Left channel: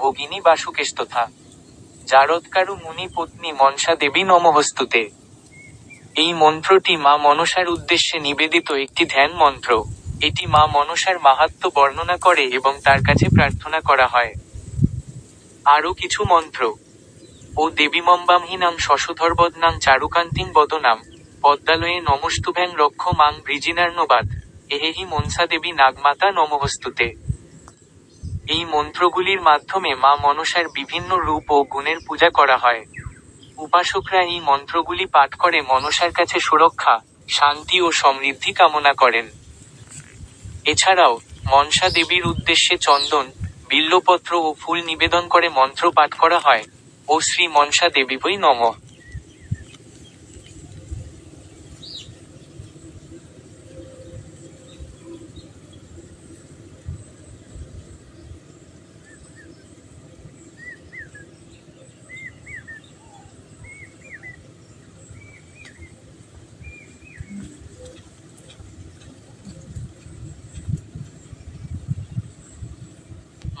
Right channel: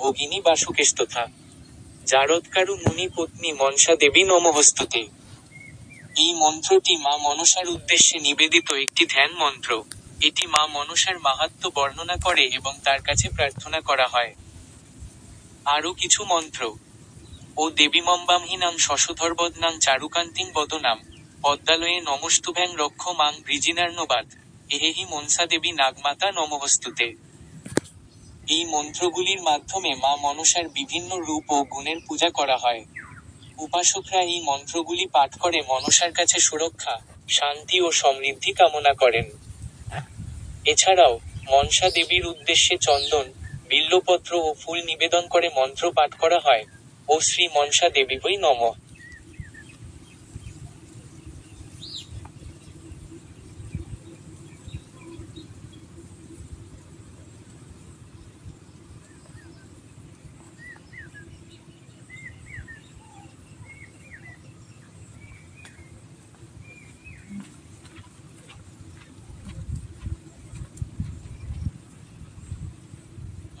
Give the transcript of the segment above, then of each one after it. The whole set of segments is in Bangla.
ভগিনী বাসুকেস্তথা জারৎকারু মুনি পত্নী মনসা দেবী নমঃস্তুতে। এই মন্ত্রটি মা মনসার উদ্দেশ্যে নিবেদিত একটি ধ্যান মন্ত্র। এটি মা মনসার মাহাত্ম্য বর্ণনা করে এবং তার কাছে প্রার্থনা করা হয়। আরও কিছু মন্ত্র: ও দেবীমম্বামহীনাং শশধরবদনাং চারুকান্তিং বদনাম পদ্মালয়ে নমস্তুভ্যাং রক্ষ মাং বৃজিনার্ণবাদ এহেহি মনসা দেবী নাগমাতা নমঃস্তুতে। এই মন্ত্রগুলির মাধ্যমে মা মনসার বিভিন্ন রূপ ও গুণের পূজা করা হয়। উপাসকরা এই মন্ত্রগুলি পাঠ করে মনসার কাছে সুরক্ষা, শান্তি ও সমৃদ্ধি কামনা করেন। এছাড়াও মনসা দেবীর উদ্দেশ্যে চন্দন, বিল্বপত্র ও ফুল নিবেদন করে মন্ত্র পাঠ করা হয়, ও শ্রী মনসা দেবীবৈ নমঃ।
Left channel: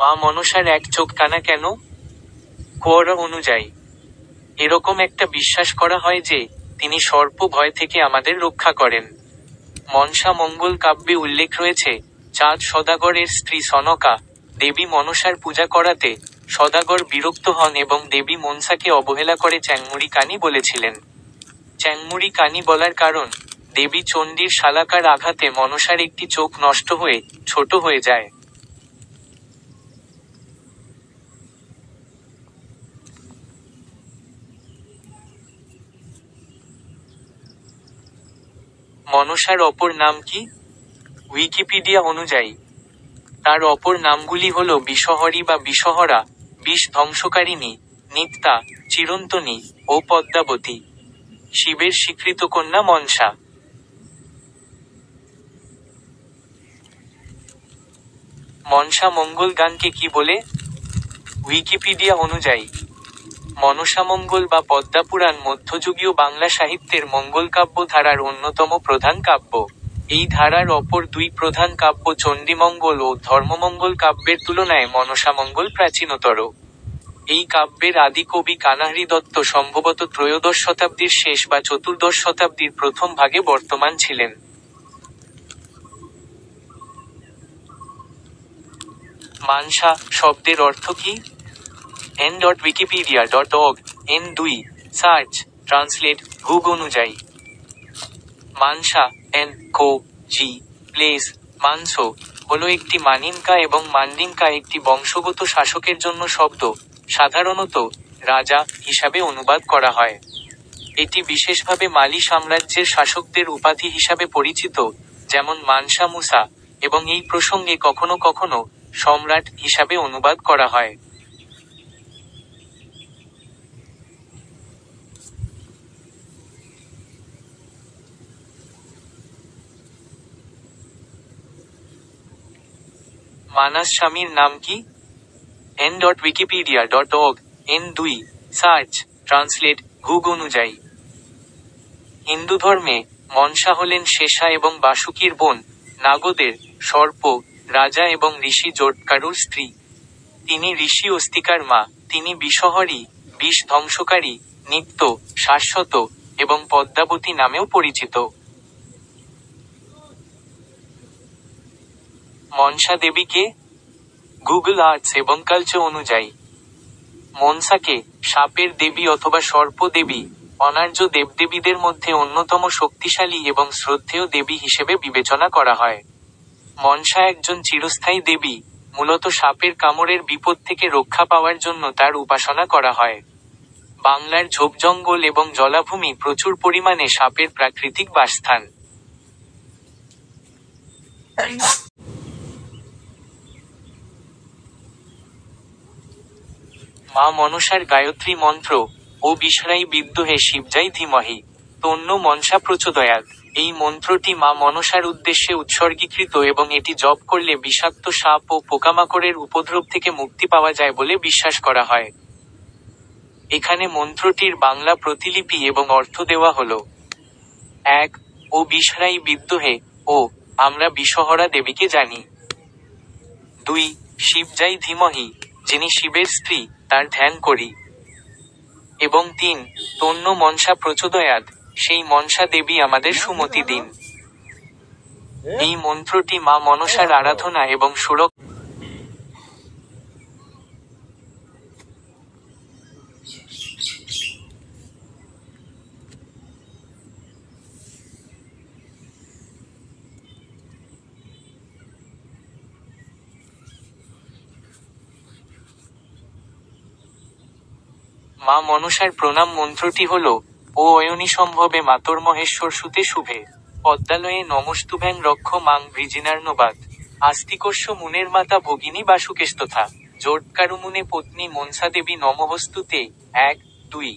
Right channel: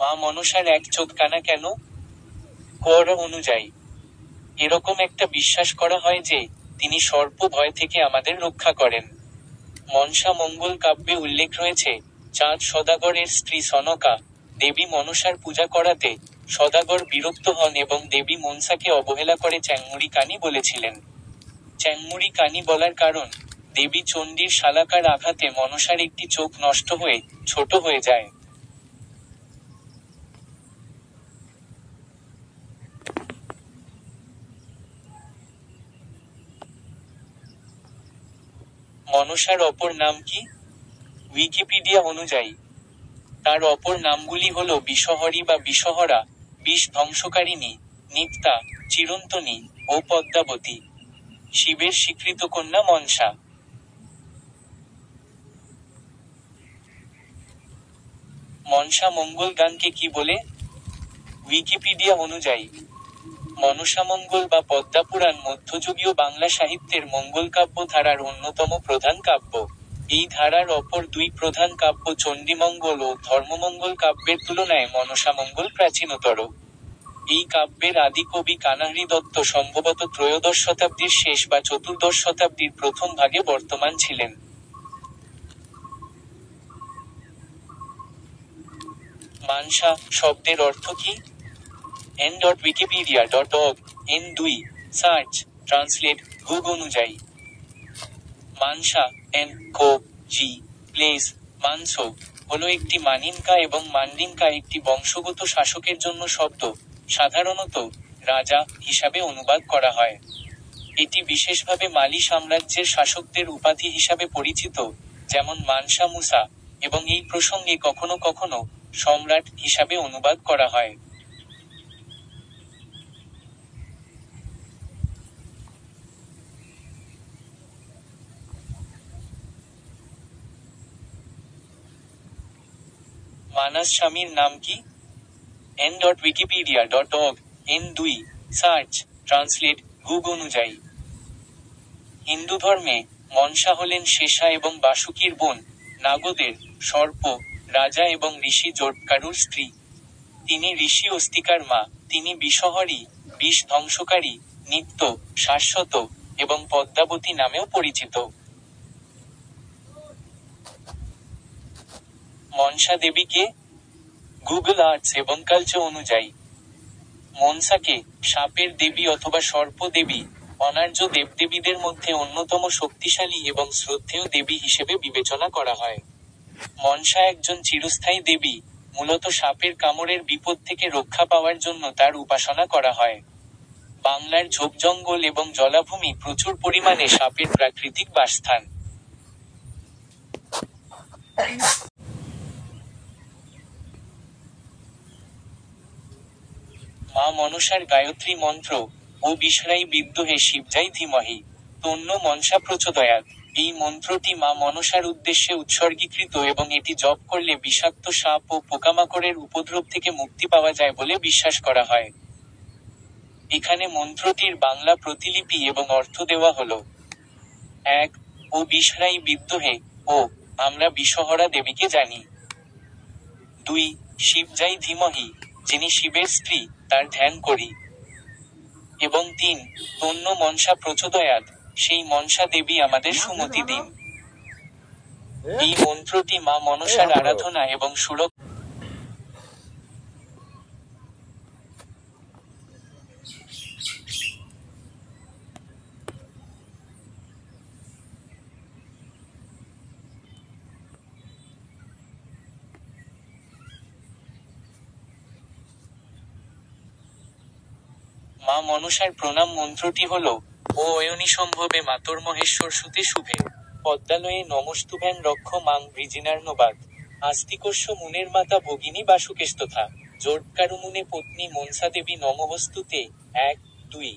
মা মনসার এক চোখ কানা কেন? কোরআ অনুযায়ী এরকম একটা বিশ্বাস করা হয় যে, তিনি সর্প ভয় থেকে আমাদের রক্ষা করেন। মনসা মঙ্গল কাব্যে উল্লেখ রয়েছে, চাঁদ সদাগরের স্ত্রী সনকা দেবী মনসার পূজা করাতে সদাগর বিরক্ত হন এবং দেবী মনসাকে অবহেলা করে চ্যাংমুড়ি কানি বলেছিলেন। চ্যাংমুড়ি কানি বলার কারণ, দেবী চণ্ডীর শালাকার আঘাতে মনসার একটি চোখ নষ্ট হয়ে ছোট হয়ে যায়। মনসার অপর নাম কি? উইকিপিডিয়া অনুযায়ী তার অপর নামগুলি হল বিষহরী বা বিষহরা, বিষ ধ্বংসকারিণী, নিত্যা, চিরন্তনী ও পদ্মাবতী। শিবের স্বীকৃত কন্যা মনসা। মনসা মঙ্গল গানকে কি বলে? উইকিপিডিয়া অনুযায়ী মনসামঙ্গল বা পদ্মাপুরাণ মধ্যযুগীয় বাংলা সাহিত্যের মঙ্গলকাব্য ধারার অন্যতম প্রধান কাব্য। এই ধারার অপর দুই প্রধান কাব্য চণ্ডীমঙ্গল ও ধর্মমঙ্গল কাব্যের তুলনায় মনসামঙ্গল প্রাচীনতর। এই কাব্যের আদি কবি কানাহরি দত্ত সম্ভবত ত্রয়োদশ শতাব্দীর শেষ বা চতুর্দশ শতাব্দীর প্রথম ভাগে বর্তমান ছিলেন। মানসা শব্দের অর্থ কি? n.wikipedia.org n2 সার্চ ট্রান্সলেট গুগ অনুযায়ী মানসা এন কো জি প্লেস মানসো হলো একটি মানিনকা এবং মান্ডিনকা একটি বংশগত শাসকের জন্য শব্দ, সাধারণত রাজা হিসাবে অনুবাদ করা হয়। এটি বিশেষভাবে মালি সাম্রাজ্যের শাসকদের উপাধি হিসাবে পরিচিত, যেমন মানসা মুসা, এবং এই প্রসঙ্গে কখনো কখনো সম্রাট হিসাবে অনুবাদ করা হয়। মানাস স্বামীর নাম কি? n.wikipedia.org n2 সার্চ ট্রান্সলেট গুগ অনুযায়ী হিন্দু ধর্মে মনসা হলেন শেষা এবং বাসুকীর বোন, নাগদের, সর্প, রাজা এবং ঋষি জটকারুর স্ত্রী। তিনি ঋষি অস্তিকার মা। তিনি বিষহরী, বিষ ধ্বংসকারী, নিত্য, শাশ্বত এবং পদ্মাবতী নামেও পরিচিত। মনসা দেবীকে গুগল আর্টস এবং কালচার অনুযায়ী মনসাকে সাপের দেবী অথবা সর্প দেবী, অনার্য দেবদেবীদের মধ্যে অন্যতম শক্তিশালী এবং শ্রদ্ধেয় দেবী হিসেবে বিবেচনা করা হয়। মনসা একজন চিরস্থায়ী দেবী, মূলত সাপের কামড়ের বিপদ থেকে রক্ষা পাওয়ার জন্য তার উপাসনা করা হয়। বাংলার ঝোপজঙ্গল এবং জলাভূমি প্রচুর পরিমাণে সাপের প্রাকৃতিক বাসস্থান। মা মনসার গায়ত্রী মন্ত্র, ও বিষ্ণাই বিদ্যুহে শিবজাই ধীমহি তন্ন মনসা প্রচোদয়াৎ। এই মন্ত্রটি মা মনসার উদ্দেশ্যে উৎসর্গীকৃত এবং এটি জপ করলে বিষাক্ত সাপ ও পোকামাকড়ের উপদ্রব থেকে মুক্তি পাওয়া যায় বলে বিশ্বাস করা হয়। এখানে মন্ত্রটির বাংলা প্রতিলিপি এবং অর্থ দেওয়া হলো: 1. ও বিষ্ণাই বিদ্যুহে, ও আমরা বিষহরা দেবীকে জানি। 2. শিবজাই ধীমহি, যিনি শিবের স্ত্রী, তার ধ্যান করি। এবং 3, তন্য মনসা প্রচোদয়াৎ, সেই মনসা দেবী আমাদের সুমতি দিন। এই মন্ত্রটি মা মনসার আরাধনা এবং সুরক্ষা। মা মনসার প্রণাম মন্ত্রটি হল, ও অয়নিসম্ভবে মাতর্মহেশ্বর সুতে শুভে পদ্মালয়ে নমস্তুভ্যাং রক্ষ মাং বৃজিনার্ণবাদ আস্তিকস্য মুনের মাতা ভগিনী বাসুকেস্তথা জোটকারুমুনে পত্নী মনসা দেবী নমঃস্তুতে। 1, 2।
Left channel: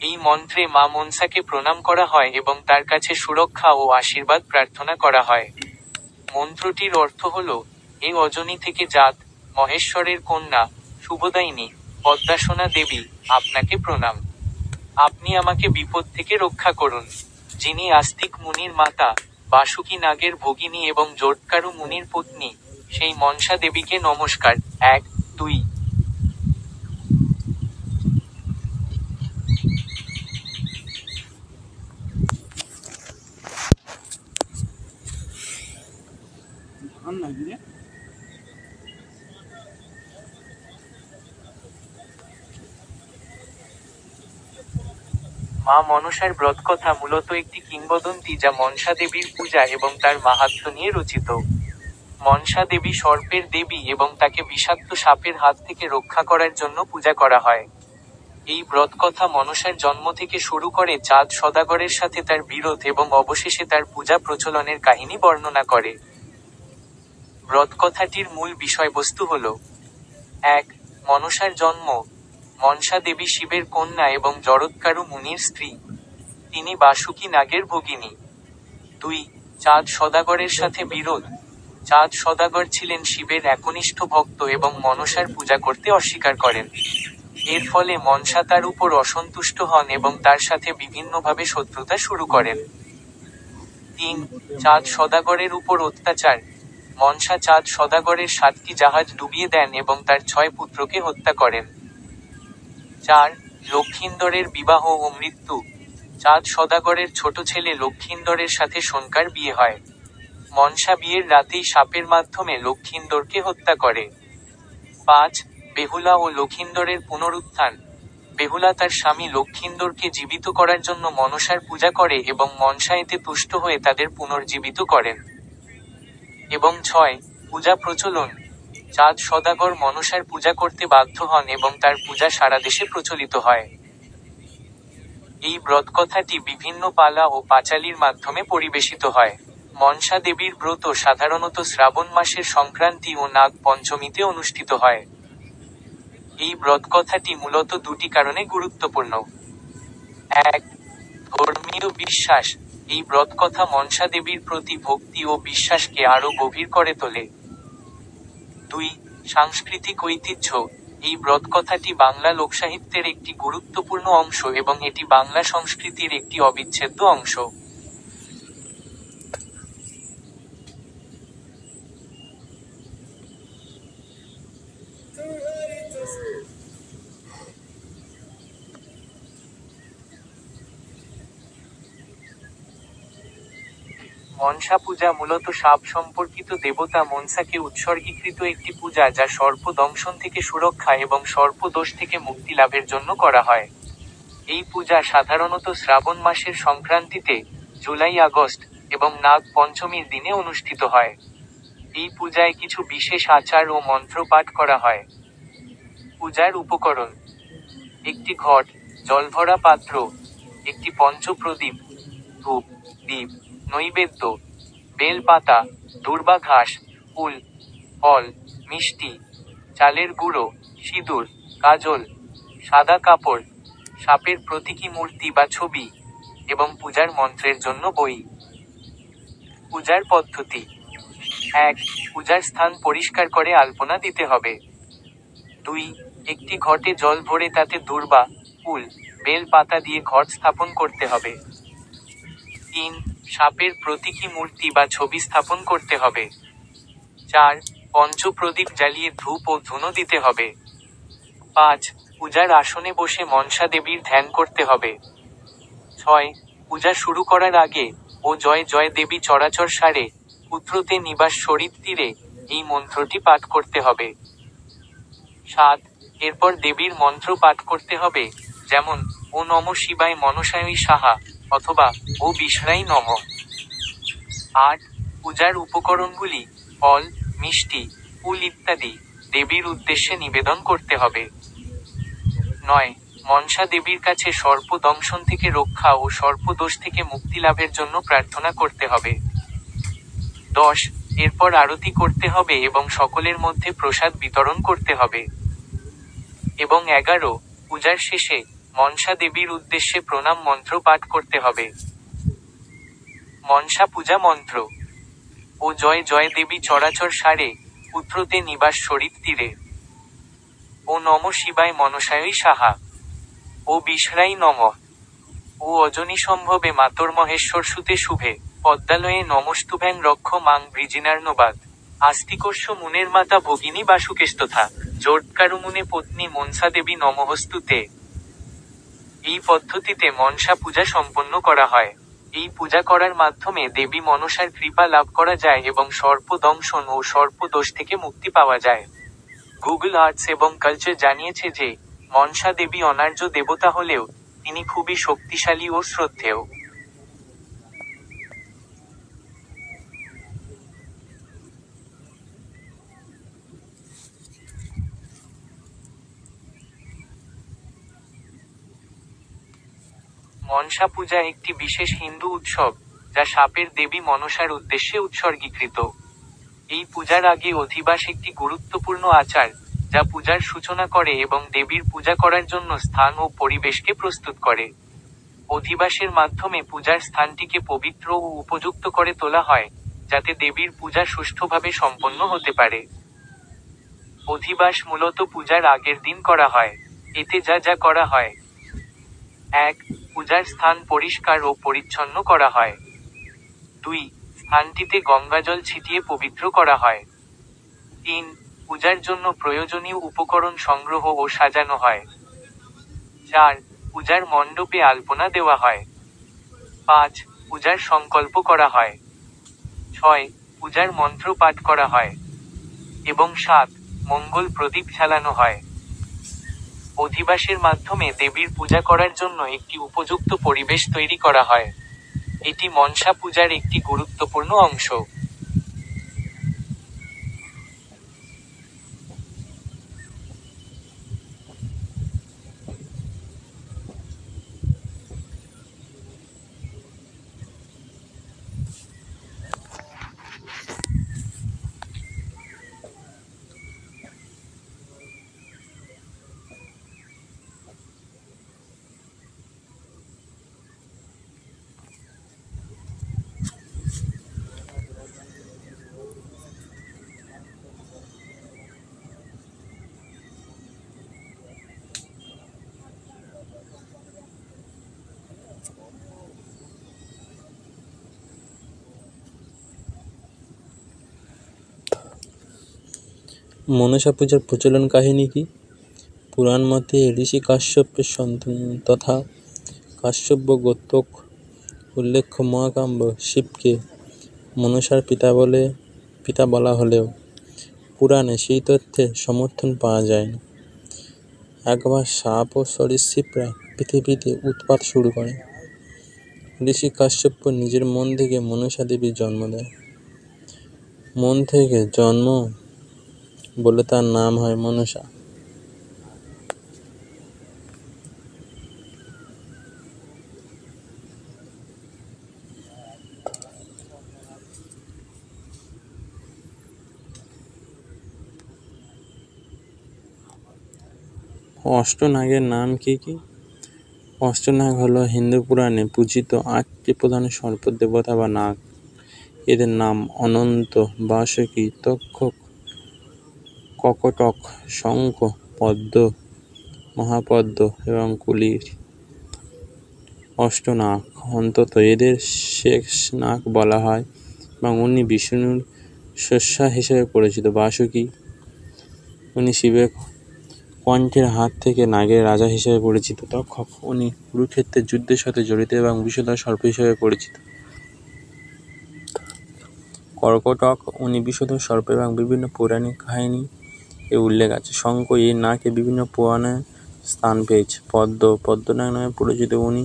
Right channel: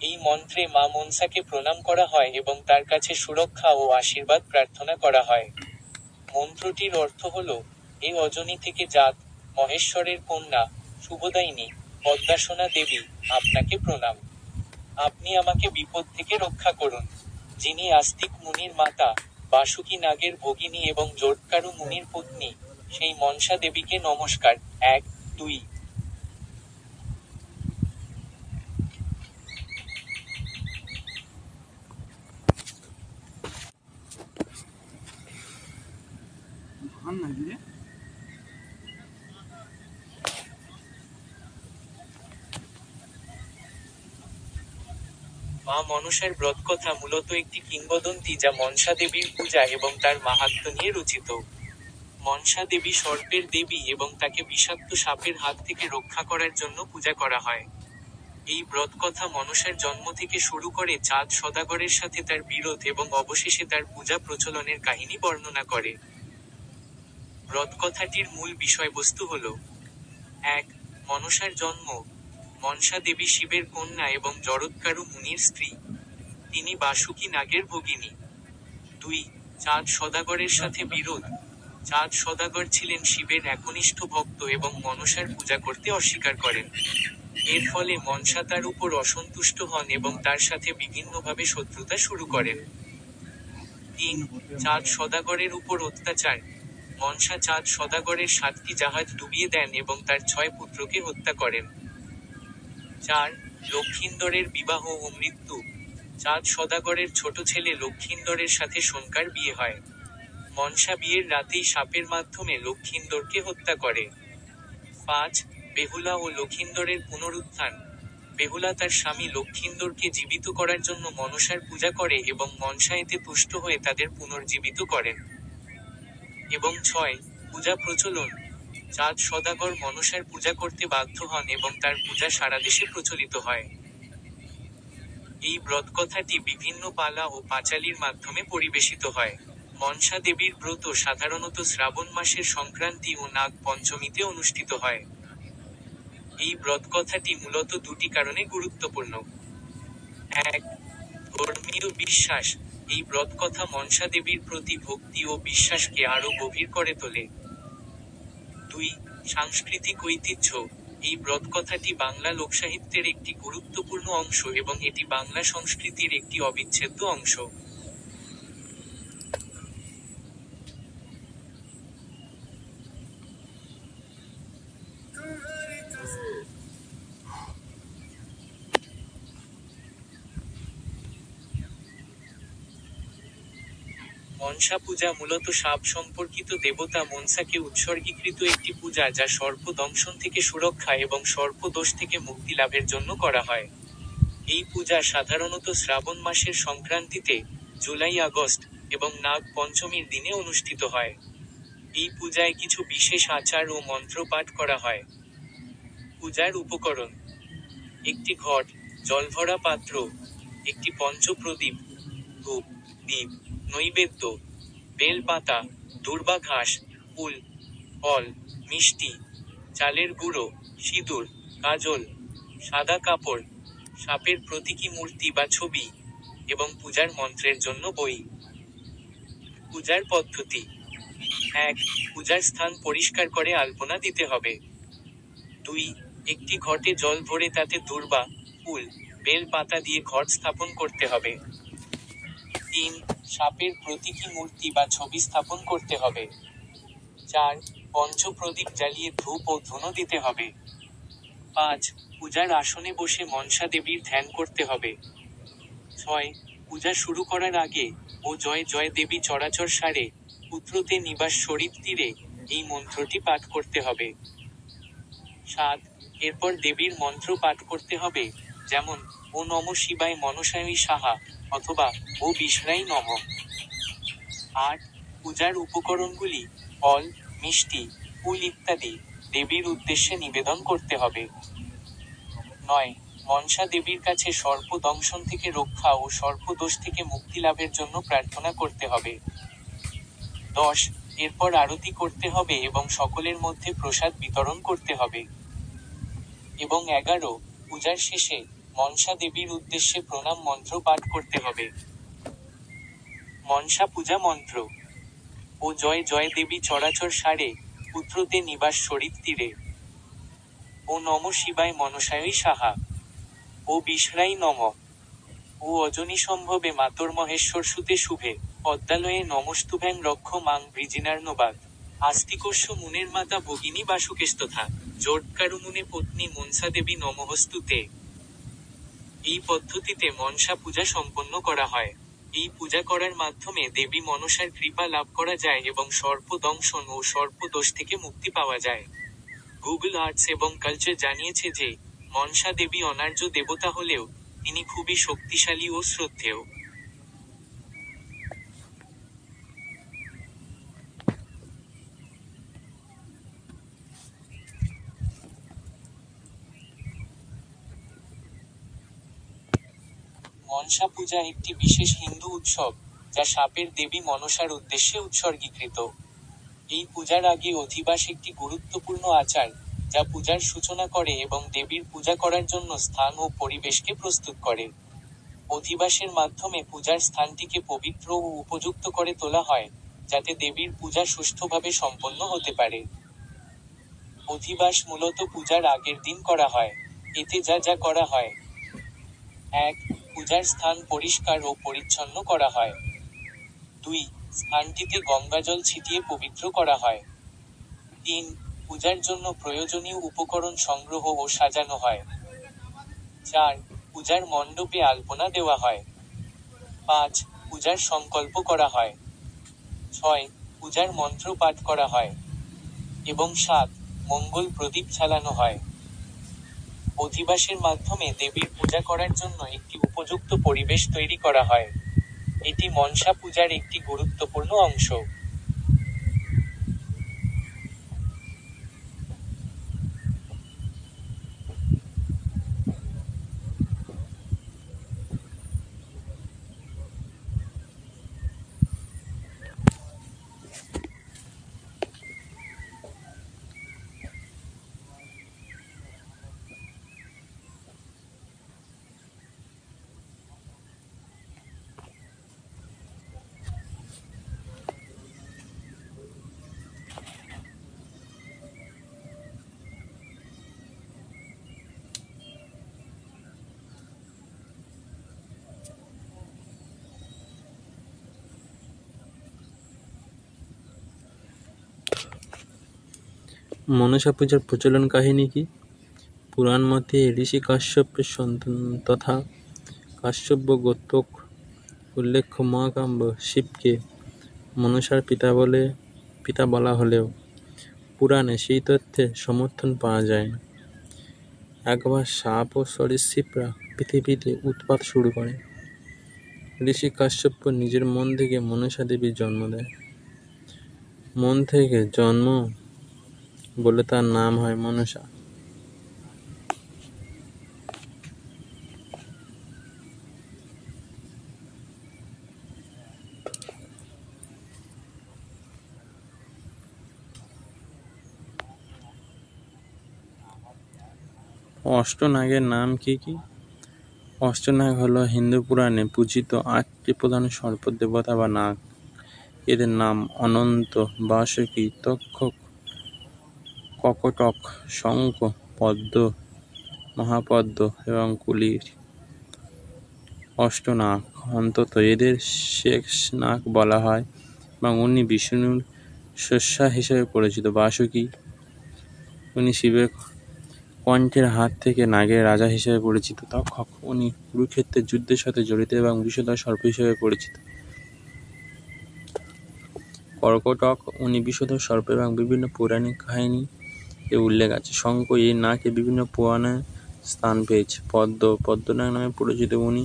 এই মন্ত্রে মা মনসাকে প্রণাম করা হয় এবং তার কাছে সুরক্ষা ও আশীর্বাদ প্রার্থনা করা হয়। মন্ত্রটির অর্থ হল, এ অজনী থেকে জাত, মহেশ্বরের কন্যা, শুভদায়িনী, পদ্মাসনা দেবী, আপনাকে প্রণাম। আপনি আমাকে বিপদ থেকে রক্ষা করুন। যিনি আস্তিক মুনির মাতা, বাসুকী নাগের ভগিনী এবং জোটকারু মুনির পত্নী, সেই মনসা দেবীকে নমস্কার। 1, 2। মা মনসার ব্রতকথা মূলত একটি কিংবদন্তি যা মনসা দেবীর পূজা এবং তার মাহাত্ম্য নিয়ে রচিত। মনসা দেবী সর্পের দেবী এবং তাকে বিষাক্ত সাপের হাত থেকে রক্ষা করার জন্য পূজা করা হয়। এই ব্রতকথা মনসার জন্ম থেকে শুরু করে চাঁদ সদাগরের সাথে তার বিরোধ এবং অবশেষে তার পূজা প্রচলনের কাহিনী বর্ণনা করে। ব্রতকথাটির মূল বিষয়বস্তু হল: 1. মনসার জন্ম। মনসা দেবী শিবের কন্যা এবং জরৎকারু মুনির স্ত্রী। তিনি বাসুকী নাগের ভগিনী। 2. চাঁদ সদাগরের সাথে বিরোধ। চাঁদ সদাগর ছিলেন শিবের একনিষ্ঠ ভক্ত এবং মনসার পূজা করতে অস্বীকার করেন। এর ফলে মনসা তার উপর অসন্তুষ্ট হন এবং তার সাথে বিভিন্নভাবে শত্রুতা শুরু করেন। 3. চাঁদ সদাগরের উপর অত্যাচার। মনসা চাঁদ সদাগরের 7টি জাহাজ ডুবিয়ে দেন এবং তার 6 পুত্রকে হত্যা করেন। 4. লক্ষিন্দরের বিবাহ ও মৃত্যু। চাঁদ সদাগরের ছোট ছেলে লক্ষিন্দরের সাথে সোনকার বিয়ে হয়। মনসা বিয়ের রাতেই সাপের মাধ্যমে লক্ষিন্দরকে হত্যা করে। 5. বেহুলা ও লক্ষিন্দরের পুনরুত্থান। বেহুলা তার স্বামী লক্ষিন্দরকে জীবিত করার জন্য মনসার পূজা করে এবং মনসা এতে তুষ্ট হয়ে তাদের পুনর্জীবিত করেন। এবং 6. পূজা প্রচলন। চাঁদ সদাগর মনসার পূজা করতে বাধ্য হন এবং তার পূজা সারা দেশে প্রচলিত হয়। এই ব্রতকথাটি বিভিন্ন পালা ও পাঁচালীর মাধ্যমে পরিবেশিত হয়। মনসা দেবীর ব্রত সাধারণত শ্রাবণ মাসের সংক্রান্তি ও নাগ পঞ্চমীতে অনুষ্ঠিত হয়। এই ব্রতকথাটি মূলত 2টি কারণে গুরুত্বপূর্ণ। 1. ধর্মীয় বিশ্বাস। এই ব্রতকথা মনসা দেবীর প্রতি ভক্তি ও বিশ্বাসকে আরও গভীর করে তোলে। 2. সাংস্কৃতিক ঐতিহ্য। এই ব্রতকথাটি বাংলা লোকসাহিত্যের একটি গুরুত্বপূর্ণ অংশ এবং এটি বাংলা সংস্কৃতির একটি অবিচ্ছেদ্য অংশ। মনসা পূজা মূলত সাপ সম্পর্কিত দেবতা মনসাকে উৎসর্গীকৃত একটি পূজা যা সর্প দংশন থেকে সুরক্ষা এবং সর্প দোষ থেকে মুক্তি লাভের জন্য করা হয়। এই পূজা সাধারণত শ্রাবণ মাসের সংক্রান্তিতে, জুলাই-আগস্ট, এবং নাগ পঞ্চমীর দিনে অনুষ্ঠিত হয়। এই পূজায় কিছু বিশেষ আচার ও মন্ত্র পাঠ করা হয়। পূজার উপকরণ: একটি ঘট, জলভরা পাত্র, একটি পঞ্চপ্রদীপ, ধূপ, দীপ, নৈবেদ্য, বেল পাতা, দূর্বা ঘাস, ফুল, ফল, মিষ্টি, চালের গুঁড়ো, সিঁদুর, কাজল, সাদা কাপড়, সাপের প্রতীকী মূর্তি বা ছবি, এবং পূজার মন্ত্রের জন্য বই। পূজার পদ্ধতি: 1. পূজার স্থান পরিষ্কার করে আলপনা দিতে হবে। 2. একটি ঘটে জল ভরে তাতে দূর্বা, ফুল, বেল পাতা দিয়ে ঘট স্থাপন করতে হবে। 3. সাপের প্রতীকী মূর্তি বা ছবি স্থাপন করতে হবে। 4. পঞ্চপ্রদীপ জ্বালিয়ে ধূপ ও ধুনো দিতে হবে। 5. পূজার আসনে বসে মনসা দেবীর ধ্যান করতে হবে। 6. পূজা শুরু করার আগে ও জয় জয় দেবী চরাচর সারে পুত্রতে নিবাস শরীর তীরে এই মন্ত্রটি পাঠ করতে হবে। 7. এরপর দেবীর মন্ত্র পাঠ করতে হবে, যেমন ও নম শিবায় মনসায় সাহা অথবা ও বিষ্ণায় নম। 8. পূজার উপকরণগুলি ফল, মিষ্টি, ফুল ইত্যাদি দেবীর উদ্দেশ্যে নিবেদন করতে হবে। 9. মনসা দেবীর কাছে সর্প দংশন থেকে রক্ষা ও সর্পদোষ থেকে মুক্তি লাভের জন্য প্রার্থনা করতে হবে। 10. এরপর আরতি করতে হবে এবং সকলের মধ্যে প্রসাদ বিতরণ করতে হবে। এবং 11. পূজার শেষে মনসা দেবীর উদ্দেশ্যে প্রণাম মন্ত্র পাঠ করতে হবে। মনসা পূজা মন্ত্র: ও জয় জয় দেবী চরাচর সারে পুত্রতে নিবাস শরীর তীরে। ও নম শিবায় মনসায় সাহা। ও বিষ্ণায় নমঃ। ও অজনী সম্ভবে মাতর্মহেশ্বর সুতে শুভে পদ্মালয়ে নমস্তুভ্যাং রক্ষ মাং বৃজিনার্ণবাদ। আস্তিকস্য মুনের মাতা ভগিনী বাসুকেস্তথা জোটকারুমুনে পত্নী মনসা দেবী নমঃস্তুতে। এই পদ্ধতিতে মনসা পূজা সম্পন্ন করা হয়। এই পূজা করার মাধ্যমে দেবী মনসার কৃপা লাভ করা যায় এবং সর্প দংশন ও সর্পদোষ থেকে মুক্তি পাওয়া যায়। গুগল আর্টস এবং কালচার জানিয়েছে যে মনসা দেবী অনার্য দেবতা হলেও তিনি খুবই শক্তিশালী ও শ্রদ্ধেয়। মনসা পূজা একটি বিশেষ হিন্দু উৎসব, যা সাপের দেবী মনসার উদ্দেশ্যে উৎসর্গীকৃত। এই পূজার আগে অধিবাস একটি গুরুত্বপূর্ণ আচার, যা পূজার সূচনা করে এবং দেবীর পূজা করার জন্য স্থান ও পরিবেশকে প্রস্তুত করে। অধিবাসের মাধ্যমে পূজার স্থানটিকে পবিত্র ও উপযুক্ত করে তোলা হয়, যাতে দেবীর পূজা সুষ্ঠুভাবে সম্পন্ন হতে পারে। অধিবাস মূলত পূজার আগের দিন করা হয়। এতে যা যা করা হয়: 1. পূজার স্থান পরিষ্কার ও পরিচ্ছন্ন করা হয়। 2. স্থানটিতে গঙ্গাজল ছিটিয়ে পবিত্র করা হয়। 3. পূজার জন্য প্রয়োজনীয় উপকরণ সংগ্রহ ও সাজানো হয়। 4. পূজার মণ্ডপে আলপনা দেওয়া হয়। 5. পূজার সংকল্প করা হয়। 6. পূজার মন্ত্র পাঠ করা হয়। এবং 7. মঙ্গল প্রদীপ জ্বালানো হয়। অধিবাসের মাধ্যমে দেবীর পূজা করার জন্য একটি উপযুক্ত পরিবেশ তৈরি করা হয়। এটি মনসা পূজার একটি গুরুত্বপূর্ণ অংশ। মনসা পূজার প্রচলন কাহিনী কি? পুরাণ মতে ঋষি কাশ্যপের সন্তান তথা কাশ্যপ গোত্রক উল্লেখ্য মহাকাব্য শিবকে মনসার পিতা বলা হলেও পুরাণে সেই তথ্যের সমর্থন পাওয়া যায় না। একবার সাপ ও সরীসৃপরা পৃথিবীতে উৎপাত শুরু করে। ঋষি কাশ্যপ নিজের মন থেকে মনসা দেবীর জন্ম দেয়। মন থেকে জন্ম বলে তার নাম হয় মনসা। অষ্টনাগের নাম কি কি? অষ্টনাগ হলো হিন্দু পুরাণে পূজিত 8টি প্রধান সর্প দেবতা বা নাগ। এদের নাম অনন্ত, বাসুকী, তক্ষক, ককটক, শঙ্খ, পদ্ম, মহাপদ্ম এবং কুলির। অষ্টনাগ অন্তত এদের শেষ নাগ বলা হয় এবং উনি বিষ্ণুর শস্যা হিসেবে পরিচিত। বাসুকী, উনি শিবের কণ্ঠের হাত থেকে নাগের রাজা হিসেবে পরিচিত। তক্ষক, উনি কুরুক্ষেত্রের যুদ্ধের সাথে জড়িত এবং বিষধর সর্প হিসেবে পরিচিত। কর্কটক, উনি বিষধর সর্প এবং বিভিন্ন পৌরাণিক কাহিনী এ উল্লেখ আছে। শঙ্খ, এই নাকে বিভিন্ন পুরাণে স্থান পেয়েছে। পদ্ম, পদ্মনাগ নামে পরিচিত, উনি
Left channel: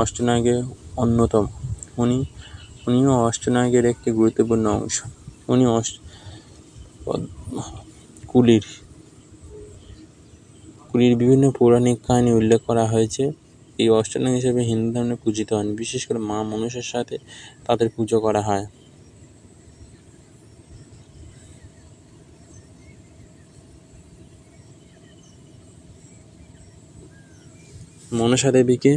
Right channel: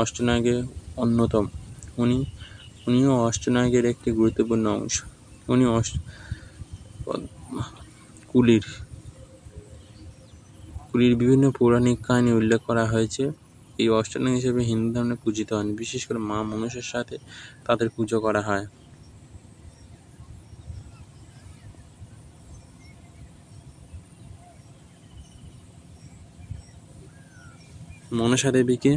অষ্টনাগের অন্যতম। উনিও অষ্টনাগের একটি গুরুত্বপূর্ণ অংশ। উনি কুলির বিভিন্ন পৌরাণিক কাহিনী উল্লেখ করা হয়েছে। এই অষ্টনাগ হিসেবে হিন্দু ধর্মে পূজিত হন। বিশেষ করে মা মনসার সাথে তাদের পুজো করা হয়। মনসা দেবীকে,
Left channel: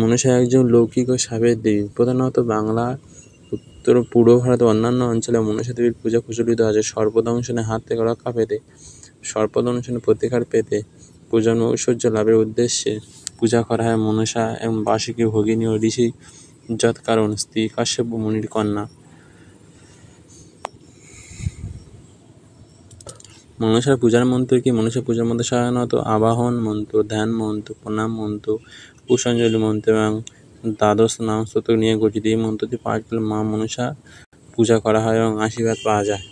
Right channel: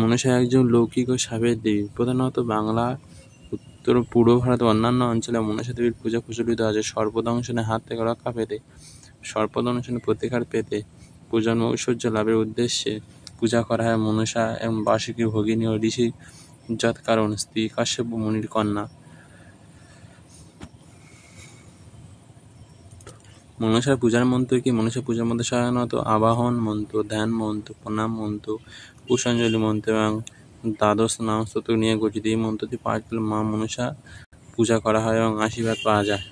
মনসা একজন লৌকিক ও সাবের দেবী। প্রধানত বাংলা, উত্তর পূর্ব ভারত ও অন্যান্য অঞ্চলে মনসা দেবীর পূজা প্রচলিত আছে। সর্পদংশনের হাত থেকে রক্ষা পেতে, সর্পদংশনের প্রতিকার পেতে, প্রজন্ম ঐশ্বর্য লাভের উদ্দেশ্যে পূজা করা হয় মনসা এবং বাসুকী ভগিনী ও ঋষি যৎকারণ স্ত্রী কাশ্যপ মুনির কন্যা। মনসার পূজার মন্ত্র কি? মনসার পূজার মধ্যে সাধারণত আবাহন মন্ত্র, ধ্যান মন্ত্র, প্রণাম মন্ত্র, পুষ্পাঞ্জলি মন্ত্র এবং দ্বাদশ নাম স্তোত্র নিয়ে গঠিত। এই মন্ত্রটি পাঠ করলে মা মনসা পূজা করা হয় এবং আশীর্বাদ পাওয়া যায়।